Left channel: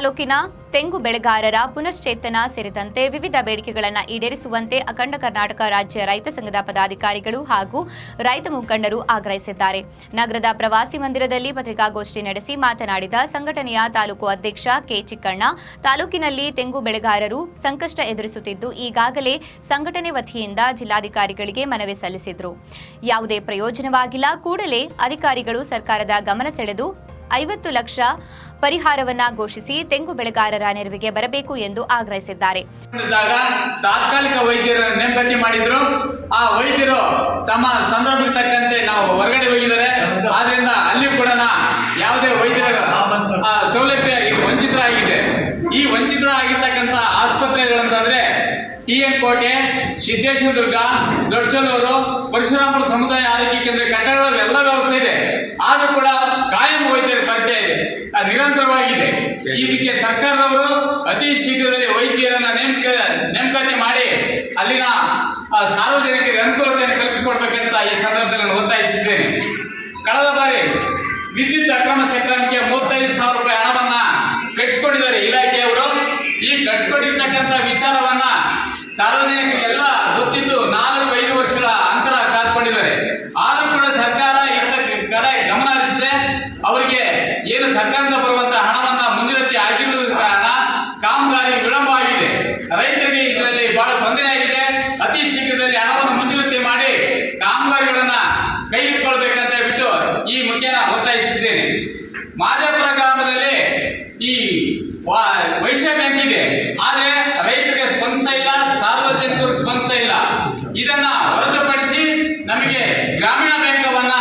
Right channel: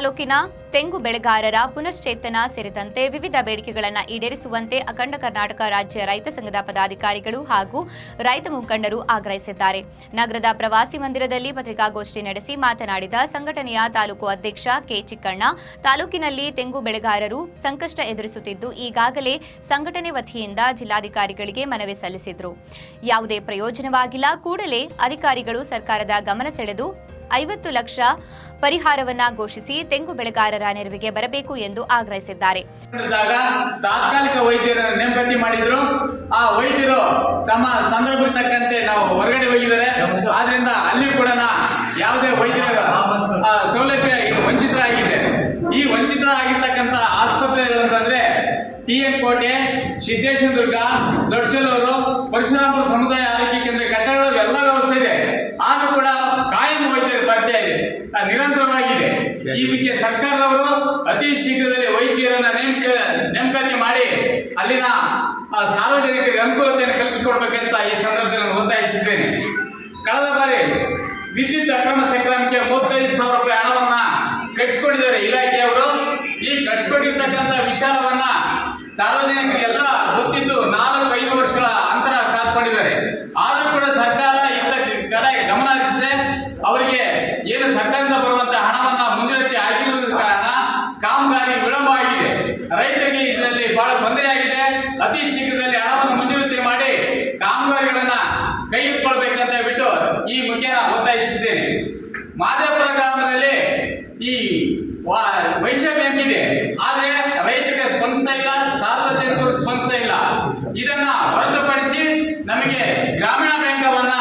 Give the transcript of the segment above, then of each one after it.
ತಾಲೂಕಿನ ತೆಂಗು ಬೆಳೆಗಾರರ ಪುನಶ್ಚೇತನ ಸೇರಿದಂತೆ ವಿವಿಧ ಬೇಡಿಕೆಗಳನ್ನು ಈಡೇರಿಸುವಂತೆ ಅಖಂಡ ಕರ್ನಾಟಕ ರಾಜ್ಯ ರೈತ ಸಂಘದ ಪದಾಧಿಕಾರಿಗಳು ಹಾಗೂ ರೈತ ಮುಖಂಡರು ಆಗ್ರಹಿಸಿದ್ದಾರೆ. ನಗರದ ಪ್ರವಾಸಿ ಮಂದಿರದಲ್ಲಿ ಪತ್ರಿಕಾಗೋಷ್ಠಿ ನಡೆಸಿ ಮಾತನಾಡಿದ ಸಂಘಟನೆಯ ತಾಲೂಕು ಅಧ್ಯಕ್ಷ ಕೆ ಚಿಕ್ಕಣ್ಣ, ತಾಲೂಕಿನಲ್ಲಿ ತೆಂಗು ಬೆಳೆಗಾರರು ಸಂಕಷ್ಟ ಎದುರಿಸುತ್ತಿದ್ದು ಈಗಾಗಲೇ ಸಂಘಟನೆ ವತಿಯಿಂದ ಜಿಲ್ಲಾಧಿಕಾರಿಗಳಿಗೆ ಮನವಿ ಸಲ್ಲಿಸಿದ್ರು. ಯಾವುದೇ ಪ್ರಯೋಜನವಾಗಿಲ್ಲ. ಕೂಡಲೇ ಅಧಿಕಾರಿಗಳು ಸರ್ಕಾರದ ಗಮನ ಸೆಳೆದು 50 ಲಕ್ಷ ಪರಿಹಾರವನ್ನ ಘೋಷಿಸಿ ತೆಂಗು ಬೆಳೆಗಾರರ ನೆರವಿಗೆ ಬರಬೇಕು ಎಂದು ಆಗ್ರಹಿಸಿದ್ದಾರೆ. ತಾತ್ಕಾಲಿಕ ವೈದ್ಯರ ನೇಮಕಾತಿ ಮಾಡಿದ್ರು. ಆ ವೈದ್ಯರು ತಮ್ಮ ಸಂದರ್ಭಕ್ಕೆ ತಕ್ಕಂತೆ ನಾವು ಹೊರಗಡೆ ಹೋಗಿದ್ದಾರೆ. ಆದ್ರಿಂದ ಅಲ್ಲಿ ಕೂಡ ಯಾವುದೇ ವೈದ್ಯರ ಸೌಲಭ್ಯ ವಂಚಿತರಾಗಿದೆ. ಈ ವಂಚಿತರಾಗಿರ್ತಕ್ಕಂಥ ಆಸ್ಪತ್ರೆಗಳಂತಂದ್ರೆ TN ಕೋಟೆ, ಸಿದ್ದೇಶ್ವರದುರ್ಗ, ದೊಡ್ಡಚಲೂರು, ಪರಶುರಾಮಪುರ ಸಮುದಾಯ ಆರೋಗ್ಯ ಕೇಂದ್ರ ಕಟ್ಟಡಗಳ ಎಲ್ಲ ವ್ಯವಸ್ಥೆ ಇದೆ. ಆದರೂ ಕೂಡ ಕಾಯಂ ವೈದ್ಯರ ಕೊರತೆ ಇದೆ, ನಿರಂತರವಾಗಿದೆ. ಇದಕ್ಕೆ ಸರ್ಕಾರದವರು ಅತಿ ಶೀಘ್ರದಲ್ಲಿ ವೈದ್ಯರನ್ನ ನೇಮಕಾತಿ ಮಾಡಿ ಅಲ್ಲಿನ ಸಾರ್ವಜನಿಕರಿಗೆ ಅನುಕೂಲತೆಯನ್ನು ಕಲ್ಪಿಸಿಕೊಡ್ಬೇಕಂತ ಈ ಸಂದರ್ಭದಲ್ಲಿ ನಾನು ಒತ್ತಾಯಿಸಿದ್ದೇನೆ. ಕಳೆದ ಬಾರಿ ವಿದ್ಯುತ್ ಅಕ್ರಮ ಸಕ್ರಮಕ್ಕೆ 35,000 ರೂಪಾಯಿ ಹಣವನ್ನ ಕಟ್ಟಿಸಿಕೊಂಡಿದ್ದಾರೆ ಇಲಾಖೆಯವರು. ಈ ಕಟ್ಟಿಸಿಕೊಂಡಿರ್ತಕ್ಕಂಥ ವಿಚಾರವನ್ನ ಸಾರ್ವಜನಿಕರಿಗೆಲ್ಲ ಗೊತ್ತಿದ್ದು 4-5 ವರ್ಷಗಳ ಅಂತರ ಕಾದ್ಕೊಂಡಿದ್ದಾರೆ. ಆದರೂ ಕೂಡ ಸರ್ಕಾರ ಇಂಥ ಕಡೆ ಗಮನ ಹರಿಸಿದೆ. ಅವರಿಗೆ ಏನು ಸರ್ಕಾರದಿಂದ ಬರುವಂತಹ ಹಣವನ್ನ ಮುಂದಿರತಿ ಆಗಿರುವುದರ ಕಾರಣ ಕಾಮಗಾರಿ ವಿಳಂಬ ಆಗಿದೆ. ರೈತರಿಗೆ ಇದರಲ್ಲಿ ಬಹಳ ತೊಂದರೆ ಆಗಿದೆ. ಅತಿ ಶೀಘ್ರದಲ್ಲಿ ಹಣವನ್ನು ಮುಂದಿರುತ್ತಿ ಮಾಡಿ ಕಾಮಗಾರಿಗಳನ್ನ ಕೈಗೆತ್ತಿಕೊಳ್ಬೇಕಂತ ಬಿಟ್ಟು ಈ ಮುಖ್ಯನ ಒತ್ತಾಯಿಸಿದ್ದೇನೆ. ಮಾದೇಪುರ ಗ್ರಾಮದಲ್ಲಿ ಈ ವೈಶ್ಯ ಬ್ಯಾಂಕ್ ಇದೆ, ಆದರೆ ರೈತರಿಗೆ ಸ್ಪಂದಿಸ್ತಾ ಇಲ್ಲ, ಸಾರ್ವಜನಿಕರು ಸ್ಪಂದಿಸ್ತಾ ಇಲ್ಲ. ಇದನ್ನ ಹೊರತುಪಡಿಸಿ ನಮಗೆ ಗ್ರಾಮೀಣ ಬ್ಯಾಂಕವನ್ನ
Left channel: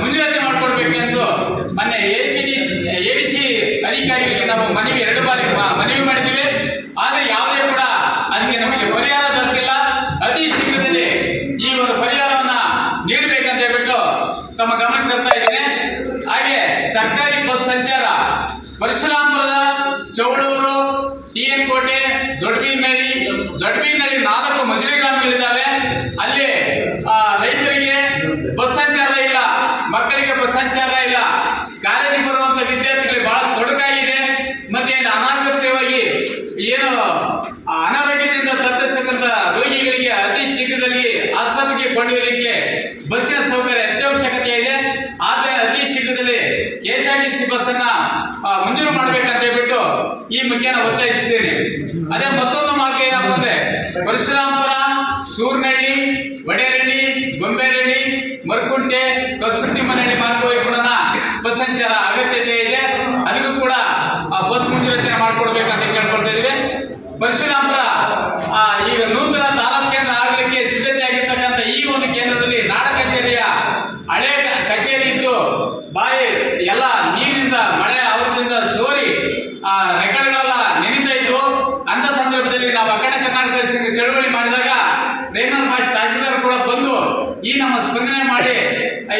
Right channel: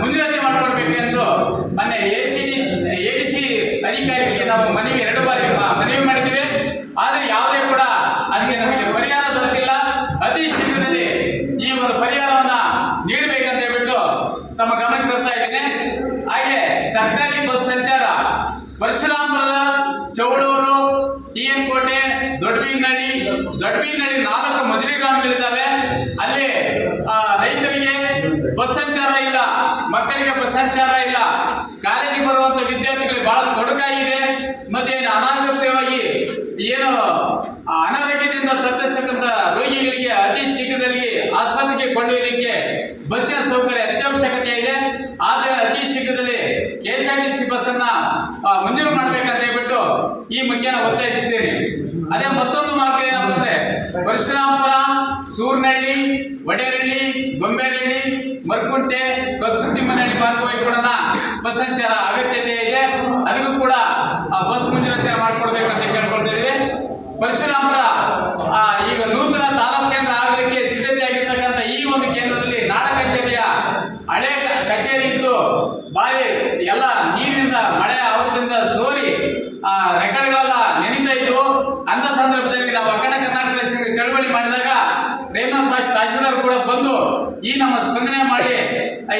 ಮುಂಜೂರಾತಿ ಮಾಡಿಕೊಡ್ಬೇಕೆಂದು ಮೊನ್ನೆ ADC ಅಧಿಕಾರಿಗಳಿಗೆ ನಾವು 2 ಬಾರಿ ಮನವಿ ಮಾಡಿದ್ದೀವಿ. ಆದರೆ ಯಾವುದೇ ಕೂಡ ಅದಕ್ಕೆ ನಮಗೆ ಪರಿಹಾರ ದೊರಕಿಲ್ಲ. ಅತಿ ಶೀಘ್ರದಲ್ಲಿ ಈ ಒಂದು ಪರಿಹಾರವನ್ನ ನೀಡಬೇಕಂತ ಹೇಳ್ಬಿಟ್ಟು ತಮ್ಮ ಗಮನಕ್ಕೆ ತರ್ತಾ ಇದ್ದೀನಿ. ಹಾಗೆ ಸರ್ಕಾರಿ ಬಸ್ ಸಂಚಾರ ಪರಶುರಾಮಪುರದ ಚೌಡೂರು, TN ಕೋಟೆ, ದೊಡ್ಡಬೀರ್ನಹಳ್ಳಿ 4 ಮಜಲಿ ಗ್ರಾಮಗಳಿದ್ದಾವೆ. ಅಲ್ಲಿ ರೈತರಿಗೆ ಬಸ್ ಸಂಚಾರ ಇಲ್ಲ, ಮಕ್ಕಳಿಗೆ ಬಸ್ ಸಂಚಾರ ಇಲ್ಲ. ಕಾಲೇಜಿಗೆ ಬರುವಂತ ವಿದ್ಯಾರ್ಥಿಗಳಿಗೆ ಬಹಳ ತೊಡಕಾಗಿದೆ. ಮತ್ತೆ ಅನಾಗತ್ಯವಾಗಿ ಏನು ಅನಾರೋಗ್ಯದಿಂದ ತಪ್ಪಿಸ್ತಕ್ಕಂಥ ರೋಗಿಗಳಿಗೆ ಅತಿ ಶೀಘ್ರದಲ್ಲಿ ಆಸ್ಪತ್ರೆಗೆ ಕೊಂಡೊಯ್ಯಲಿಕ್ಕೆ ಬಸ್ಸಿನ ಸೌಕರ್ಯ ಅತ್ಯವಶ್ಯಕತೆ ಇದೆ. ಆದರೆ ಅತಿ ಶೀಘ್ರದಲ್ಲಿ KSRTC ಬಸ್ ಅನ್ನ ಮಂಜೂರು ಮಾಡಬೇಕಂತ ಹೇಳ್ಬಿಟ್ಟು ಈ ಮುಖ್ಯನ ಒತ್ತಾಯಿಸಿದ್ದೇನೆ. ಅದೇ ಮತ್ತೊಂದು ಮಾರ್ಗ ಏನಪ್ಪ ಅಂದ್ರೆ ಪರಶುರಾಮಪುರ, ಸೂರ್ನಹಳ್ಳಿ, ವಡೇರಹಳ್ಳಿ, ಗೊಂಬೇರಹಳ್ಳಿ, ಮರ್ಕುಂಟೆ, ಕಸ್ತೂರಿಮನಹಳ್ಳಿ ಮಾರ್ಗವಾಗಿ ಕೂಡ ಬಸ್ ಸಂಚಾರ ಅಗತ್ಯತೆ ಇದೆ. ಅದಕ್ಕೂ ಕೂಡ ಬಸ್ ಮುಂಜೂರಾತಿಯನ್ನು ಮಾಡಿಕೊಡ್ಬೇಕಂತ ಕೇಳ್ಕೊಳ್ತಾ ಇದ್ದೀವಿ. ಪರಶುರಾಮಪುರ ಈಗ ನೂತನ ತಾಲೂಕು ಕೇಂದ್ರ ಆಗಲಿಕ್ಕೆ ಸಿದ್ಧತೆ ಆಗಿರ್ತಕ್ಕಂಥ ಈ ಒಂದು ಕೇಂದ್ರದಲ್ಲಿ ನಾಡ ಕಚೇರಿಯ ಹಳೆ ಕಚೇರಿ ಇದ್ದು ಬಾರಿ ಎಲ್ಲ ನೀರಿನಿಂದ ಮಳೆ ಆವೃತ್ತಿಯಿಂದ ಸೋರಿ ರೆಕಾರ್ಡ್ಗಳೆಲ್ಲ ನೆನೀತಾ ಇದ್ದು. ಅಂತ ಸಂದರ್ಭದಲ್ಲಿ ನಾವು ಅಖಂಡ ಕರ್ನಾಟಕ ಚಳವಳಿ ಮಾಡಿದಾಗ ರೇಮನ್ ಪಾಷ್ ತಹಶೀಲ್ದಾರ್ ಕೂಡ ಬಂದು ಈ ನಮ್ಮ ಸ್ಪಂದನೆ ಮಾಡಿ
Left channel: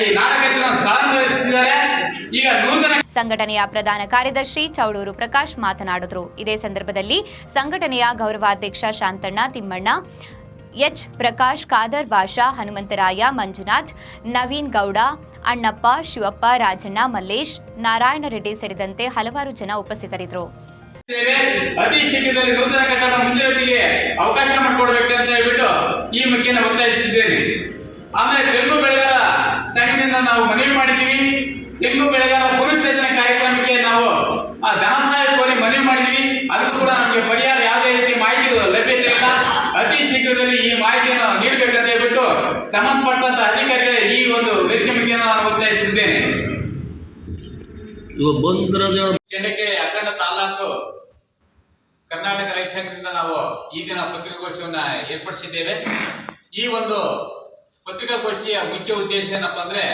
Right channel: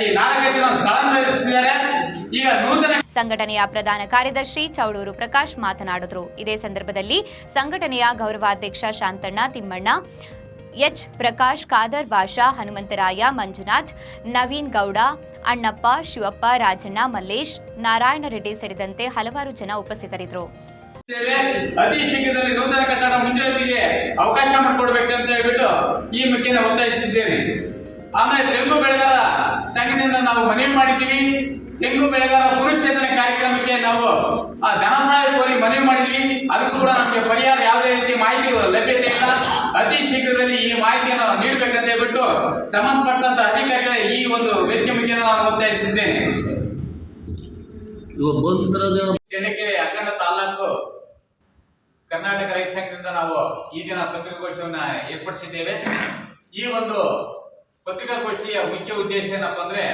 ಈ ನಾಡ ಕಚೇರಿಯನ್ನು ಸ್ಥಳಾಂತರಿಸಿದ್ದಾರೆ. ಈಗ ನೂತನ ಸಂಘಟನೆಯ ಪ್ರಧಾನ ಕಾರ್ಯದರ್ಶಿ ಚೌಡೂರು ಪ್ರಕಾಶ್ ಮಾತನಾಡಿದರು. ಇದೇ ಸಂದರ್ಭದಲ್ಲಿ ಸಂಘಟನೆಯ ಗೌರವಾಧ್ಯಕ್ಷ ಶಾಂತಣ್ಣ, ತಿಮ್ಮಣ್ಣ, ಎಚ್ ಪ್ರಕಾಶ್, ಖಾದರ್ ಬಾಷಾ, ಹನುಮಂತರಾಯ, ಮಂಜುನಾಥ್, ನವೀನ್ ಗೌಡ, ಅಣ್ಣಪ್ಪ, ಶಿವಪ್ಪ, ರಾಜಣ್ಣ, ಮಲ್ಲೇಶ್, ನಾರಾಯಣ ರೆಡ್ಡಿ ಸೇರಿದಂತೆ ಹಲವಾರು ಜನ ಉಪಸ್ಥಿತರಿದ್ದರು. ಅತಿ ಶೀಘ್ರದಲ್ಲಿ ನೂತನ ಕಟ್ಟಡ ಮುಂಜೂರಾತಿಗೆ ಅವಕಾಶ ಮಾಡಿಕೊಡ್ಬೇಕಂತ ಹೇಳ್ಬಿಟ್ಟು ಈ ಮುಖ್ಯನ ಒತ್ತಾಯಿಸಿದ್ದೇನೆ. ಆಮೇಲೆ ತೆಂಗು ಬೆಳೆಗಾರ ಸಂಘದಿಂದ ನಾವು ಮನವಿ ಮಾಡಿದ್ದೀವಿ. ತೆಂಗು ಬೆಳೆಗಾರ ಪುನಶ್ಚೇತನ ಕಾರ್ಯಕ್ರಮಕ್ಕೆ ನಾವು ಧನ ಸಹಾಯ ಕೋರಿ ಮನವಿ ಮಾಡಿದ್ವಿ. ಅದಕ್ಕೂ ಕೂಡ ನಮಗೆ ಪರಿಹಾರ ಯಾವುದೇ ರೀತಿ ಮಾಹಿತಿ ಲಭ್ಯತೆ ಇಲ್ಲ. ಅತಿ ಶೀಘ್ರದಲ್ಲಿ ಈ ಮಾಹಿತಿಯನ್ನು ನೀಡಬೇಕಂತ ಹೇಳ್ಬಿಟ್ಟು ಸಂಬಂಧಪಟ್ಟಂತ ಅಧಿಕಾರಿಗಳ ಈ ಒಂದು ವೇದಿಕೆ ಮುಖ್ಯ ನಾನು ಒತ್ತಾಯಿಸಿದ್ದೇನೆ. ಚಳ್ಳಕೆರೆ ಅಖಂಡ ತಾಲೂಕು ಕರ್ನಾಟಕ ರೈತ ಸಂಘದಿಂದ ನಾವು ಈ ದಿನ ಪತ್ರಿಕಾಗೋಷ್ಠಿಯನ್ನು ಏರ್ಪಡಿಸಿದ್ದೇವೆ. ಈ ಒಂದು ಪತ್ರಿಕಾಗೋಷ್ಠಿಯ ಮುಖ್ಯ ಉದ್ದೇಶ ಏನಪ್ಪ ಅಂದ್ರೆ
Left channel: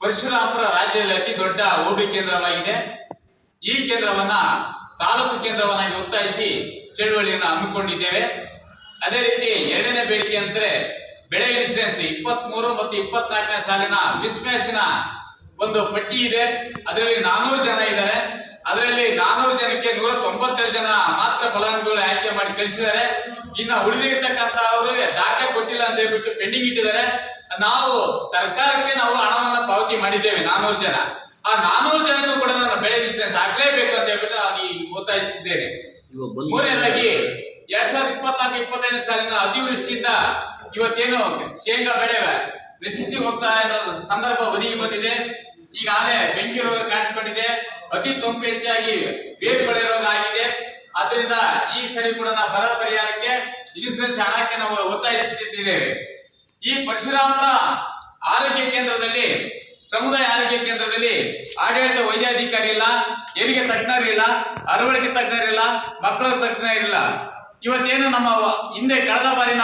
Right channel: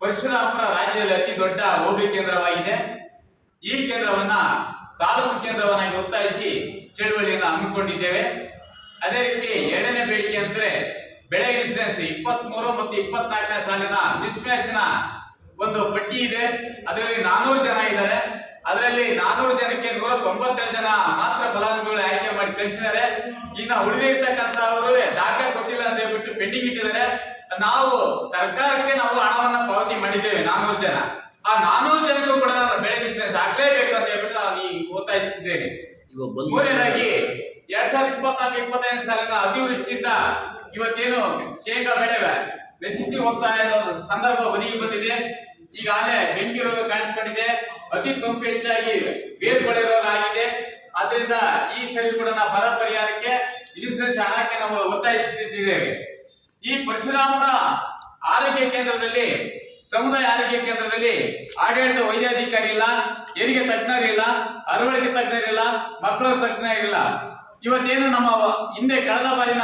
ಪರಶುರಾಮಪುರ ರಾಜ್ಯದಲ್ಲಿ ಅತಿ ದೊಡ್ಡ ಹೋಬಳಿ ಕೇಂದ್ರವಾಗಿದೆ. ಈ ಕೇಂದ್ರವನ್ನ ತಾಲೂಕು ಕೇಂದ್ರವನ್ನಾಗಿ ಒತ್ತಾಯಿಸಿ ಚಳುವಳಿಯನ್ನು ಹಮ್ಮಿಕೊಂಡಿದ್ದೇವೆ. ಅದೇ ರೀತಿ ಎರಡನೇ ಬೇಡಿಕೆ ಅಂದ್ರೆ ಬೆಳೆ ಇನ್ಸೂರೆನ್ಸ್ 23 ಮತ್ತು 24ನೇ ಸಾಲಿನ ಮಿಸ್ ಮ್ಯಾಚ್ ನ ಒಂದು ಪಟ್ಟಿ ಇದೆ. ಅದರಲ್ಲಿ 400 ಜನ ಇದ್ದಾರೆ. ಅದರಲ್ಲಿ 400 ಜನಕ್ಕೆ 192 ಜನ ಮಾತ್ರ ಫಲಾನುಭವಿಗಳು ಆಯ್ಕೆ ಮಾಡಿ ಕಳಿಸಿದ್ದಾರೆ. ಇನ್ನು ಉಳಿದಿರ್ತಕ್ಕಂಥವರು ದಾಖಲೆ ಕೊಟ್ಟಿಲ್ಲ ಅಂತ ಹೇಳ್ಬಿಟ್ಟು ಪೆಂಡಿಂಗ್ ಇಟ್ಟಿದ್ದಾರೆ. ನಾವು ಸರ್ಕಾರಕ್ಕೆ ನಾವು ಹಣವನ್ನ ಪಾವತಿ ಮಾಡಿದ್ದೇವೆ 400 ಜನ. ಆ 400 ಜನಕ್ಕೂ ಕೂಡ ನಾನು ಬೆಳೆ ಇನ್ಸೂರೆನ್ಸ್ ಹಾಕ್ಲೇಬೇಕು ಅಂತ ಹೇಳ್ಬಿಟ್ಟು ನಾನು ಈ ಒತ್ತಾಯಿಸುತ್ತಿದ್ದೇನೆ. ಮೂರನೇದಾಗಿ 2024-25 ಸಾಲಿನ ಅತಿವೃಷ್ಟಿಯಿಂದ ಇವತ್ತೇನು ಶೇಂಗಾ ಬೆಳೆ ನಶಿಸಿ ಹೋಗ್ತಾ ಇರೋ ಸಂದರ್ಭ ಒದಗಿ ಬಂದಿದೆ. ಈಗಾಗಲೇ ಬೆಂಕಿ ರೋಗ ಕಾಣಿಸ್ಕೊಂಡಿದೆ, ಅತಿ ತಂಪು ಹೆಚ್ಚಾಗಿ ಬೇರ್ಕೊಳೆ ರೋಗ ಆಗಿದೆ. ಆದ್ರಿಂದ ಈ ಸರಿ ಕೂಡ ನಾವು ಬರ ಪರಿಹಾರಕ್ಕೆ ಇನ್ಸೂರೆನ್ಸ್ ಹಣಕ್ಕೆ ನಾವು ಒತ್ತಾಯಿಸುತ್ತಿದ್ದೇವೆ. ಈ ಪರಶುರಾಮಪುರ ಆರೋಗ್ಯ ಕೇಂದ್ರದಲ್ಲಿ, ಸಮುದಾಯ ಆರೋಗ್ಯ ಕೇಂದ್ರದಲ್ಲಿ ಆಡಳಿತ ವೈದ್ಯಾಧಿಕಾರಿ ಇಲ್ಲ, ಹೆರಿಗೆ ತಜ್ಞರಿಲ್ಲ, ಅರವಳಿಕೆ ತಜ್ಞರಿಲ್ಲ, ಮಕ್ಕಳ ತಜ್ಞರಿಲ್ಲ. ಇವತ್ತೇನು ನಮ್ಮ ಹಿಂದೆ ಕಳೆದ ಬಾರಿ ನಾವು